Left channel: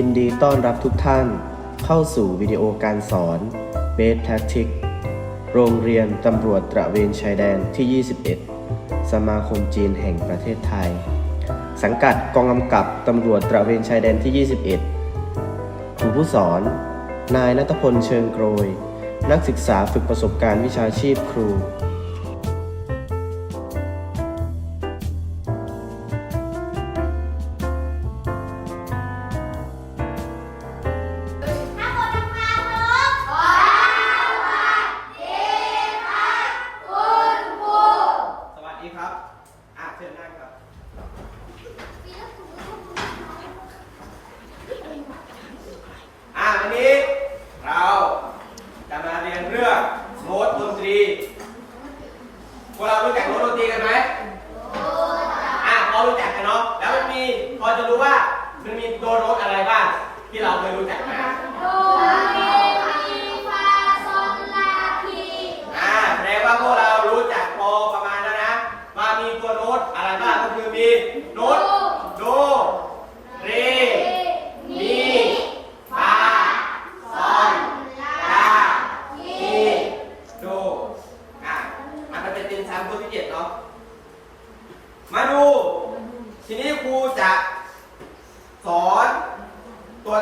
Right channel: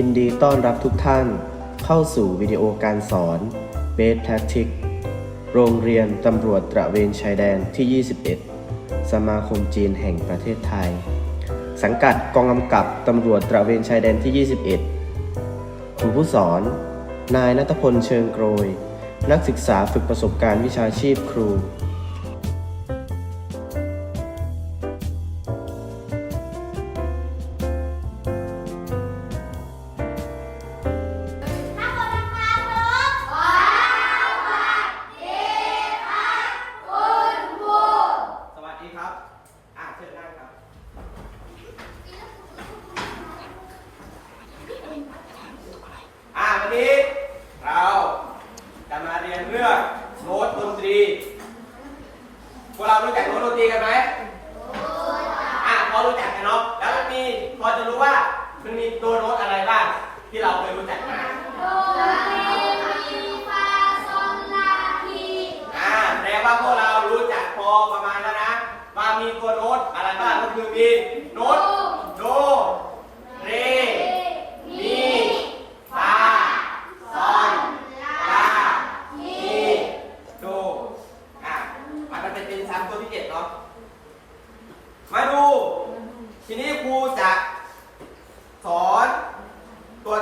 ยินดีต้อนรับทุกท่าน เข้าสู่วิดีโอการสอน Best Tactic โรงเรียนตำรวจตระเวนชายแดนที่ 21 สมาคมจีนแห่งประเทศไทย สังกัดกองกำกับตำรวจตระเวนชายแดนที่ 21 ครูผู้สอน นายนัทพลเชิงโกรย นักศึกษาฝึกประสบการณ์วิชาชีพครู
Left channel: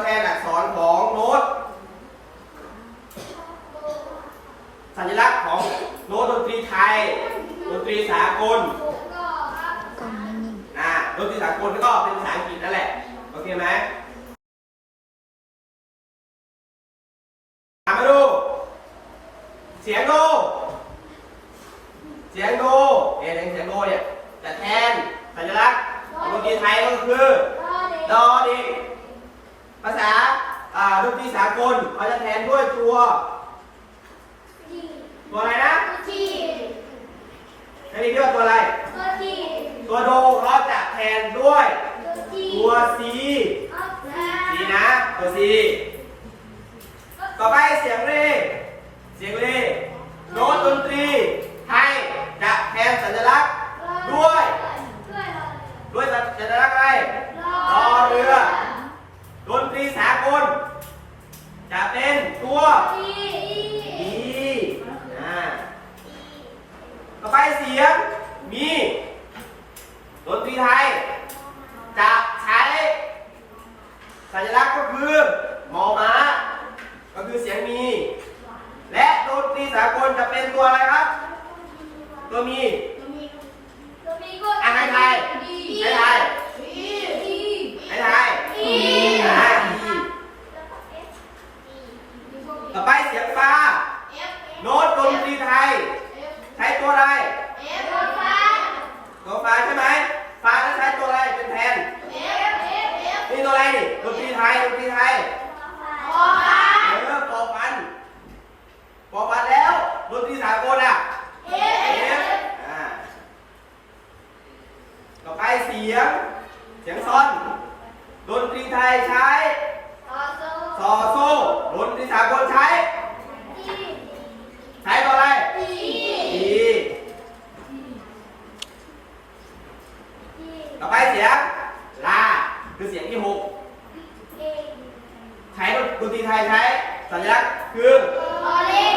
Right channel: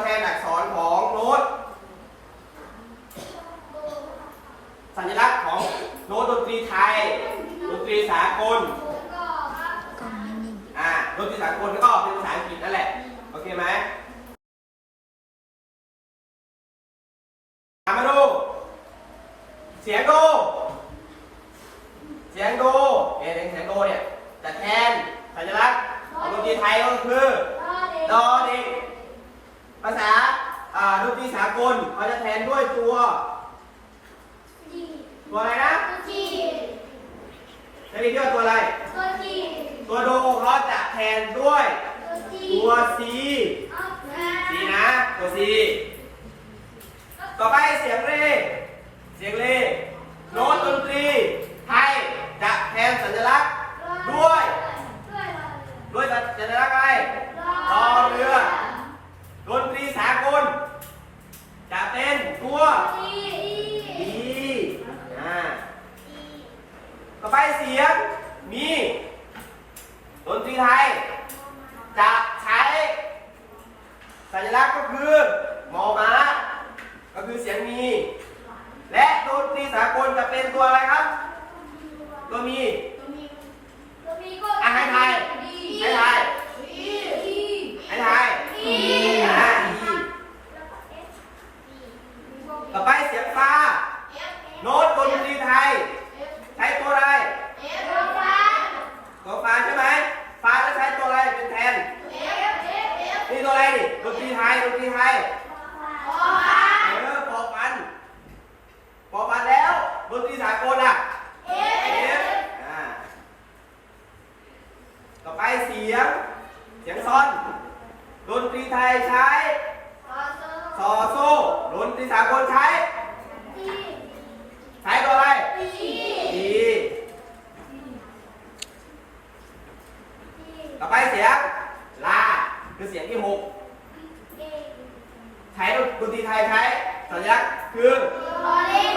แทนอักษรของโน้ต สัญลักษณ์ของโน้ตดนตรีไทย ดนตรีสากลอ่าดนตรีสากลก็เป็นภาษาอังกฤษนั่นแหละ โอเคไหมมาดู เสียงโด เสียงโดเนี่ยเสียงโดเนี่ยจะแทนสัญลักษณ์ของดนตรีไทยก็คือโดดอเด็ก ภาษาอ่าดนตรีสากลเขาจะแทนด้วยตัวจีตัวอะไรนะจีจะมีเรียกว่าตัวอะไร ตัวจีตัวโดเขาจะแทนด้วยตัวจีตัว C เอาละ C นะ ตัว C ต่อไปเสียงเรเสียงเรโน้ตดนตรีไทยจะแทนสัญลักษณ์ด้วย ด้วยอะไรด้วยสัญลักษณ์อะไรรอเรือ ดนตรีสากล จะเป็น ตัวจี E อ่าต่อไปเสียง มีดนตรีไทย จะใช้ สัญลักษณ์ก็คือมอม้า ก็คือเสียงมี และดนตรีสากลจะเป็นตัวอะไรครับ ตัวมี ตัวมีก็ อะให้ทายให้ทาย จี ให้ทาย จี อ่า E ต่อไปเสียงฟ้า โน้ตดนตรีไทย ใช้ตัวอะไร ตัวฟ้าใช่ไหม ฟ้าจะใช้ตัวอะไรเป็นแทน นี่ตัวอะไรนี่ดนตรีไทยดนตรีไทย เออปอฟันปอฟันแล้วดนตรีสากลอะ F อ่าต่อไปเสียง เสียงซอนดนตรีไทยใช้ซอโซ่ดนตรีสากลใช้ ใช้ตัวอะไรดีต่อไปเสียงลาคือเสียงที่หกใช้ดนตรีไทยใช้สัญลักษณ์คือล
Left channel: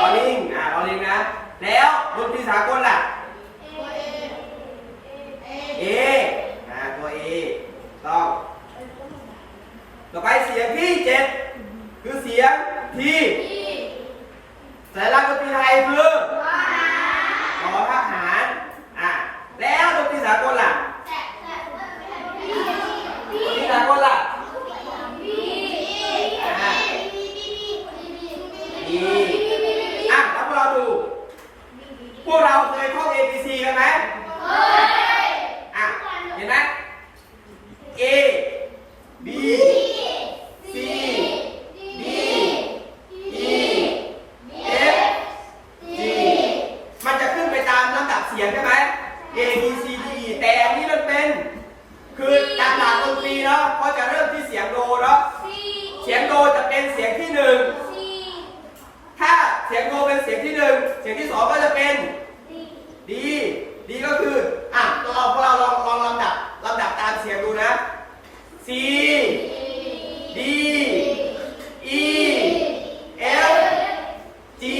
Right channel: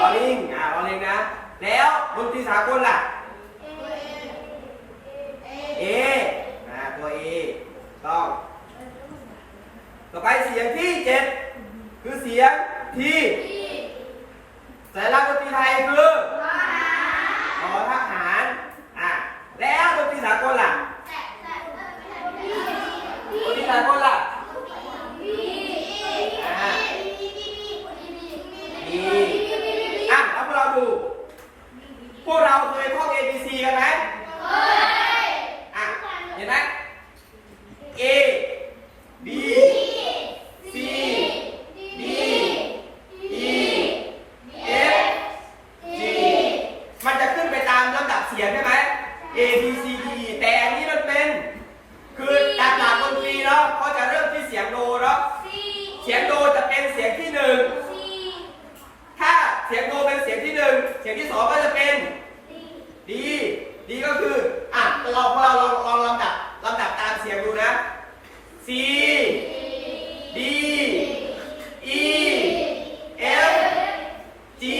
อลิงอ่าลอลิงนะ แล้วดนตรีสากลล่ะ เออ่าตัว A ต้องต่อไปเสียงที่เจ็ดคือเสียงที่สัญลักษณ์ดนตรีไทยคือขอทหารอ่าแล้วดนตรีสากลล่ะดนตรีสากลล่ะ เสียงที่หนึ่งถ้าเสียงโนเป็นเสียงที่หนึ่งเสียงที่สองก็จะเป็นดีดีก็คืออะเราพวกเราลองลองลำดับลำดับตามเสียงดูนะซีดีอีเอลจี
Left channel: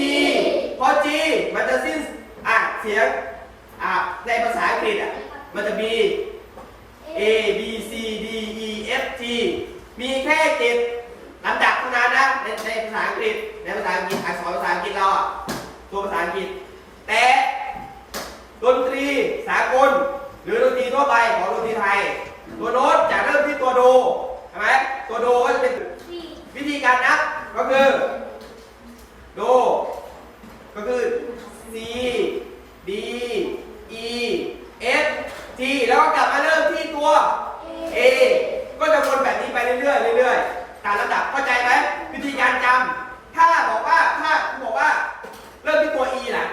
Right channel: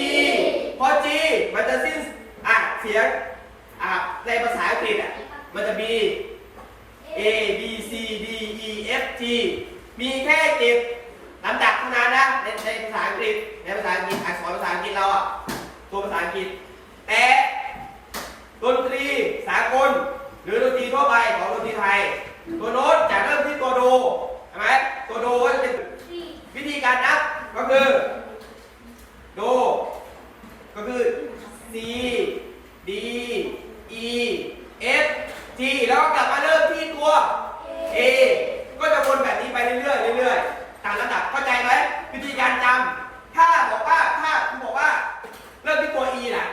พอจีมันจะสิ้นอะเสียงอะในภาษาอังกฤษอะมันจะมี A B C D E F G มีแค่เจ็ด ลำดับเท่านั้นนะในในภาษาอังกฤษในภาษาอังกฤษอักษรภาษาอังกฤษเราอะตัวภาษาอังกฤษ แต่ดนตรีสากล หรือดนตรีทั่วไปของดนตรีไทย ตัวโน้ตจะเริ่มที่ตัวโดใช่ไหมตัวโดก็จะเป็นวิธีการนับก็คือ โด ก็คือ C D E F G แล้วก็กลับมาเริ่มที่ตัว A ก็จะวนแบบนี้ไปเรื่อยๆเรื่อยๆตามลำดับเข้าใจไหมวิธีการจำถ้าบอกว่าถ้าคุณบอกว่า เริ่มที่ตัว E ล่ะ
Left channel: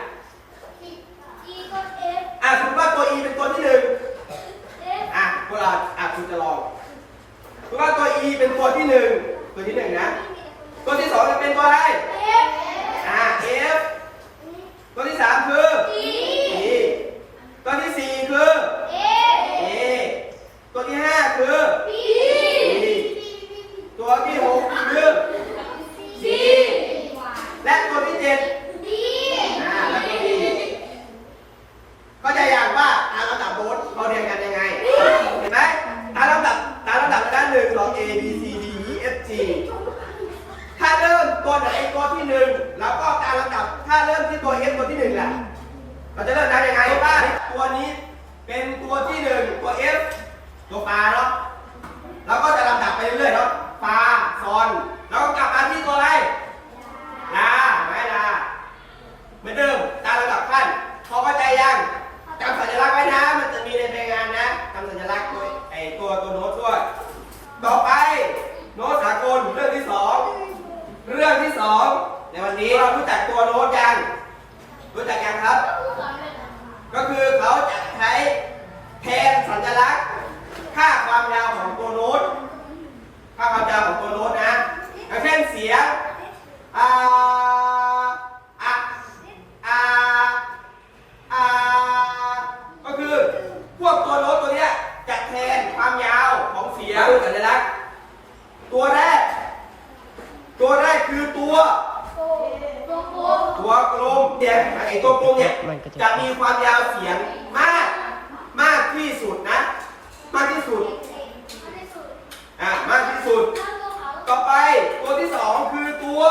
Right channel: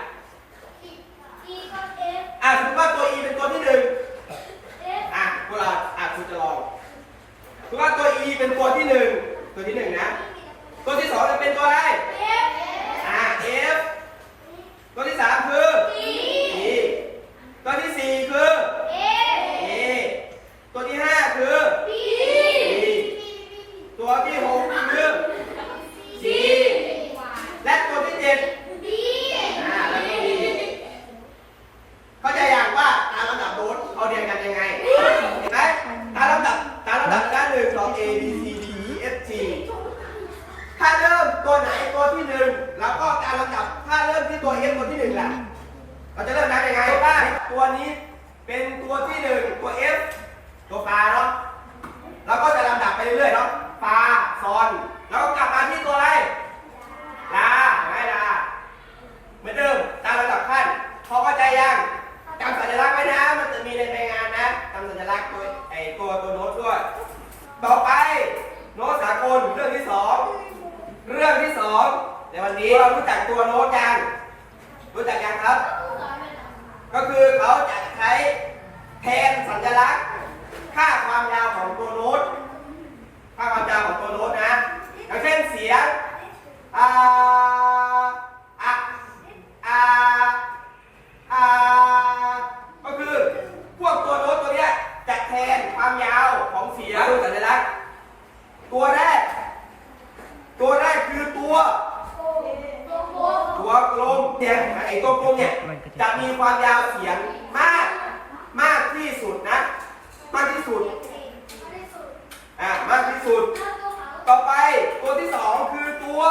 E ก็ F อะสมมติว่าตัว E เป็นตัวที่หนึ่ง F อะพวกเราอะคุณจะลองสมมติว่าตัว E เป็นตัวที่หนึ่งตัวที่หนึ่งนะ ตัวที่สองจะเป็นตัวอะไร F อะ F ตัวที่สามคือ E E ตัวที่สี่คือ A A ตัวที่ห้าคือ B ตัวที่หกคือ C และตัวที่เจ็ด D อ่าแล้วก็ D เข้าใจอย่างว่าตามลำดับโน้ตเขาเรียงกันยังไง เห็นไหมตามลำดับตามลำดับด้านหนึ่งสอง A B C D E F G ถ้าเริ่มตัวไหนตัวที่หนึ่งแล้วก็การลำดับ ถ้าเริ่มที่ตัว F ตัวที่หนึ่งแหละเราจะเริ่มนับยังไงว่าตัว นี้เป็นตัวที่หนึ่งตัว F ตัวปลาเนาะแล้วก็จะลำดับไปเรื่อยๆเนาะปลาซอนแล้วก็กลับมาที่ตัวอะไรลาไหมลาเหมือนเดิมตามลำดับขั้นพอเข้าใจยังจำสัญลักษณ์ไว้นะมันจะมีในรายงานนะจำสัญลักษณ์ตัวไอตัวตัวโน้ตด้วยต่อไปโน้ตสากลเรื่องที่สองเรื่องที่สองในวันนี้เรารู้จักตัวโน้ตยังรู้จักยังครับ ก็คือเขาจะใช้แทนสัญลักษณ์ ค่าความยาวของตัวโน้ต ค่าความยาวของตัวโน้ตนะอย่างเช่นเสียงอ่าอะอาอาก็คือพวกตัวโน้ตตัวเนี้ยจะแทนความยาวของเสียงสัญลักษณ์ ตัวแรก ตัวแรกคือตัว ตัวกลมเสียงไอ้ตัวกลมเนี่ยมันก็จะจะมีความยาวเสียงมากมากที่สุดนะ มากที่สุดอ่ามากที่สุด ต่อไปตัวที่สองคือตัว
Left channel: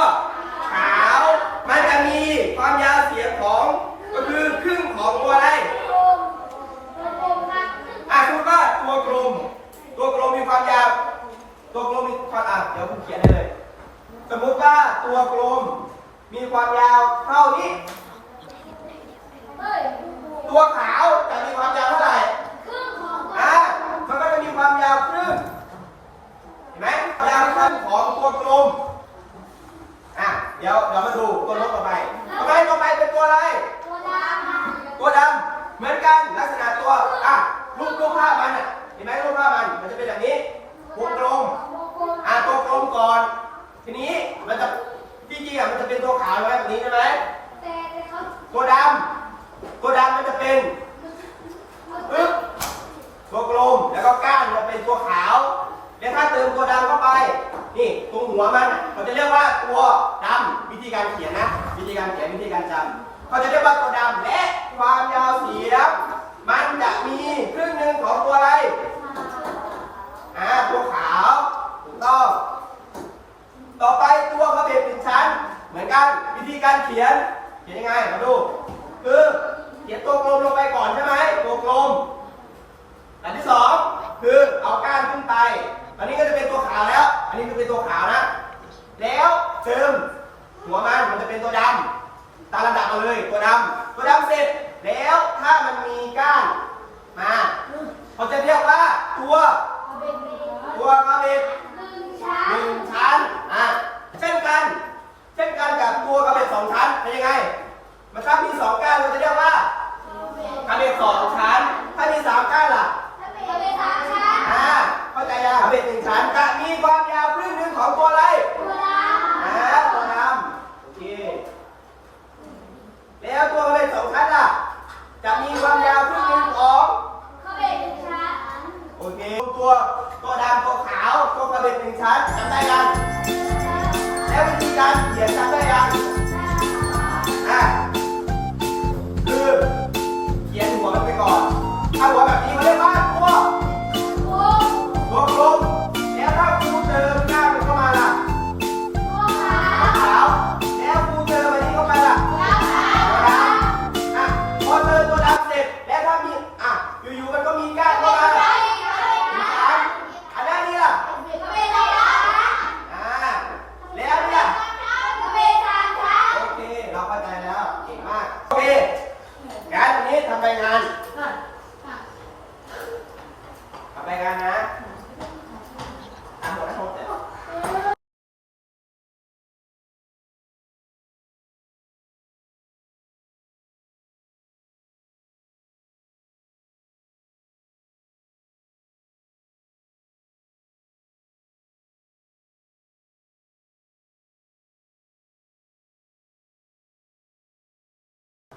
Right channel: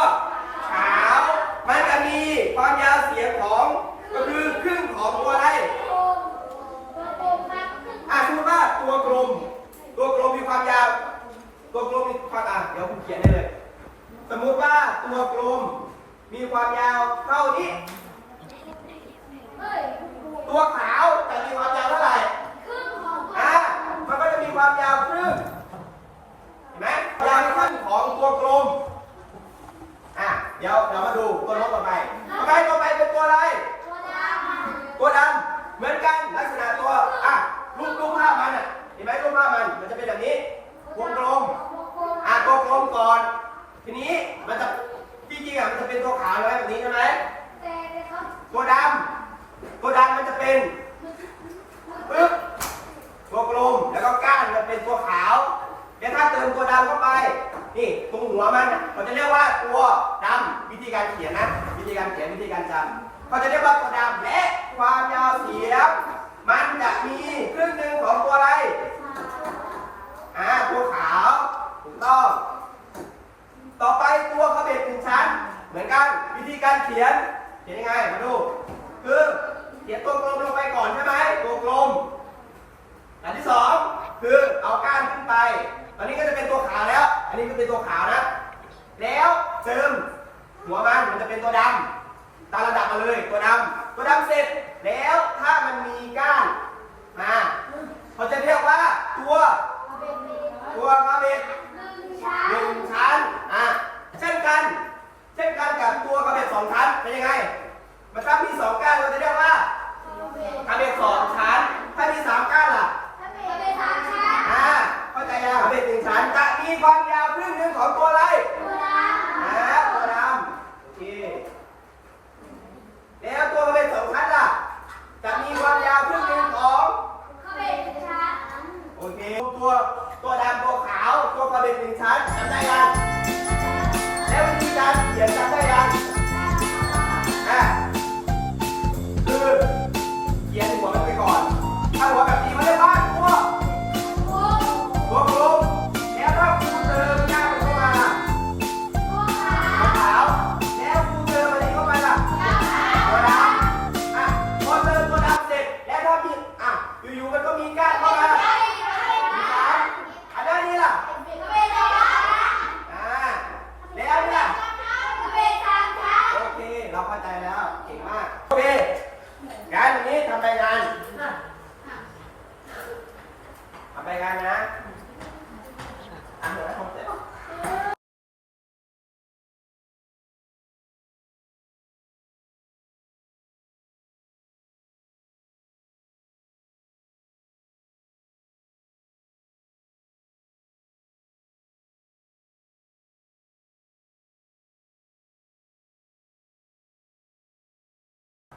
ขาวมันจะมีความยาวเสียงของก็คือครึ่งของตัวอะไรอะคุณว่าตัวกลม ตัวกลมมีความยาว ตัวกลมมีความอะเดี๋ยวผมเขียนให้เลย สมมุติว่าตัวกลม มีความยาวเท่านี้ ตัวขาวจะมีความยาวเท่าไหร่อะมันก็จะมีความยาวครึ่งเห็นไหมยาวครึ่งของตัวกลมอะเดี๋ยวเดี๋ยวมาดูตัวนกต่อไปต่อไปต่อไปเป็นตัวอะไร ตัวดำเหมือนกันลักษณะตัวอะรูปรูปภาพมันอะเห็นไหมรูปภาพมันมันจะเป็นแบบนี้วงกลมอะตัวกลมก่อน ทีนี้มันจะ จริงๆอะมันจะเป็นตัวขาวไว้แบบนี้ใช่ไหมตัวดำตัวดำมันจะเป็นปึ๊บตัวกลมแล้วก็ก้านจะเป็นตัวขาวเดี๋ยวถ้าเติมตัวดำเข้าไป นี่ตรงหัวมันอะเขาจะเรียกว่าตัวดำวิธีการเขียนนะ วิธีการเขียนวิธีการจำเขาจะเรียกว่าตัวดำและความยาวเสียงมันจะมีครึ่งหนึ่งของตัวอะไรอ่าตัวขาว ถูกต้อง ต่อไปตัวกระเบ็ดหนึ่งชั้น เหมือนกัน วิธี การเขียน เขียนยังไงมาดู คือเขียนตัวกลมลงไปก่อนใช่ไหมตัวกลม อันที่สองคือเอาก้านขึ้นไป อันนี้ก็จะเป็นตัวขาวแล้ว อันนี้ก็เป็นตัวขาวนะ แล้วเติมหัวมันมันจะเป็นตัวดำตามลำดับมาเลยตัวดำตัวดำเสร็จแล้วถ้ามันมีก้านมาเขาจะเรียกว่าตัวตัวกระเบ็ด หนึ่งชั้น อะ เช่นกัน เช่นกันกับตัวกระเบ็ด สองชั้นเป็นยังไง มันถ้ามีสองก้านเราจะเรียกว่ากระเบ็ดสองชั้น ถ้ามีสามก้านล่ะอ่าเข้าใจยังกระเบ็ดหนึ่งชั้นจะมีความยาวครึ่งหนึ่งของตัวอะไรอ่าตัวดำโอเคแล้วตัวกระเบ็ดสองชั้นล่ะ จะมีความยาวครึ่งหนึ่งของโอเคตัวตัวดำตัวขาวตัวกระเบ็ดหนึ่งชั้นจำได้ยังแล้ววิธีการเขียนจำได้ยัง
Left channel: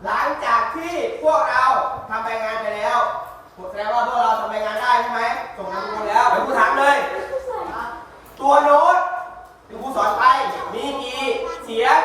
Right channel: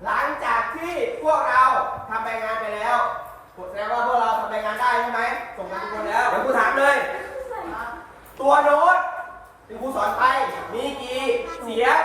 หลังจากที่พวกเราทำใบงานไปแล้วแสดงว่าพวกเราทำใบงานได้ใช่ไหมส่งงานทุกคนแล้วเดี๋ยวครูถามเลย ตัวโน้ตที่กูสอนไปมีกี่เสียง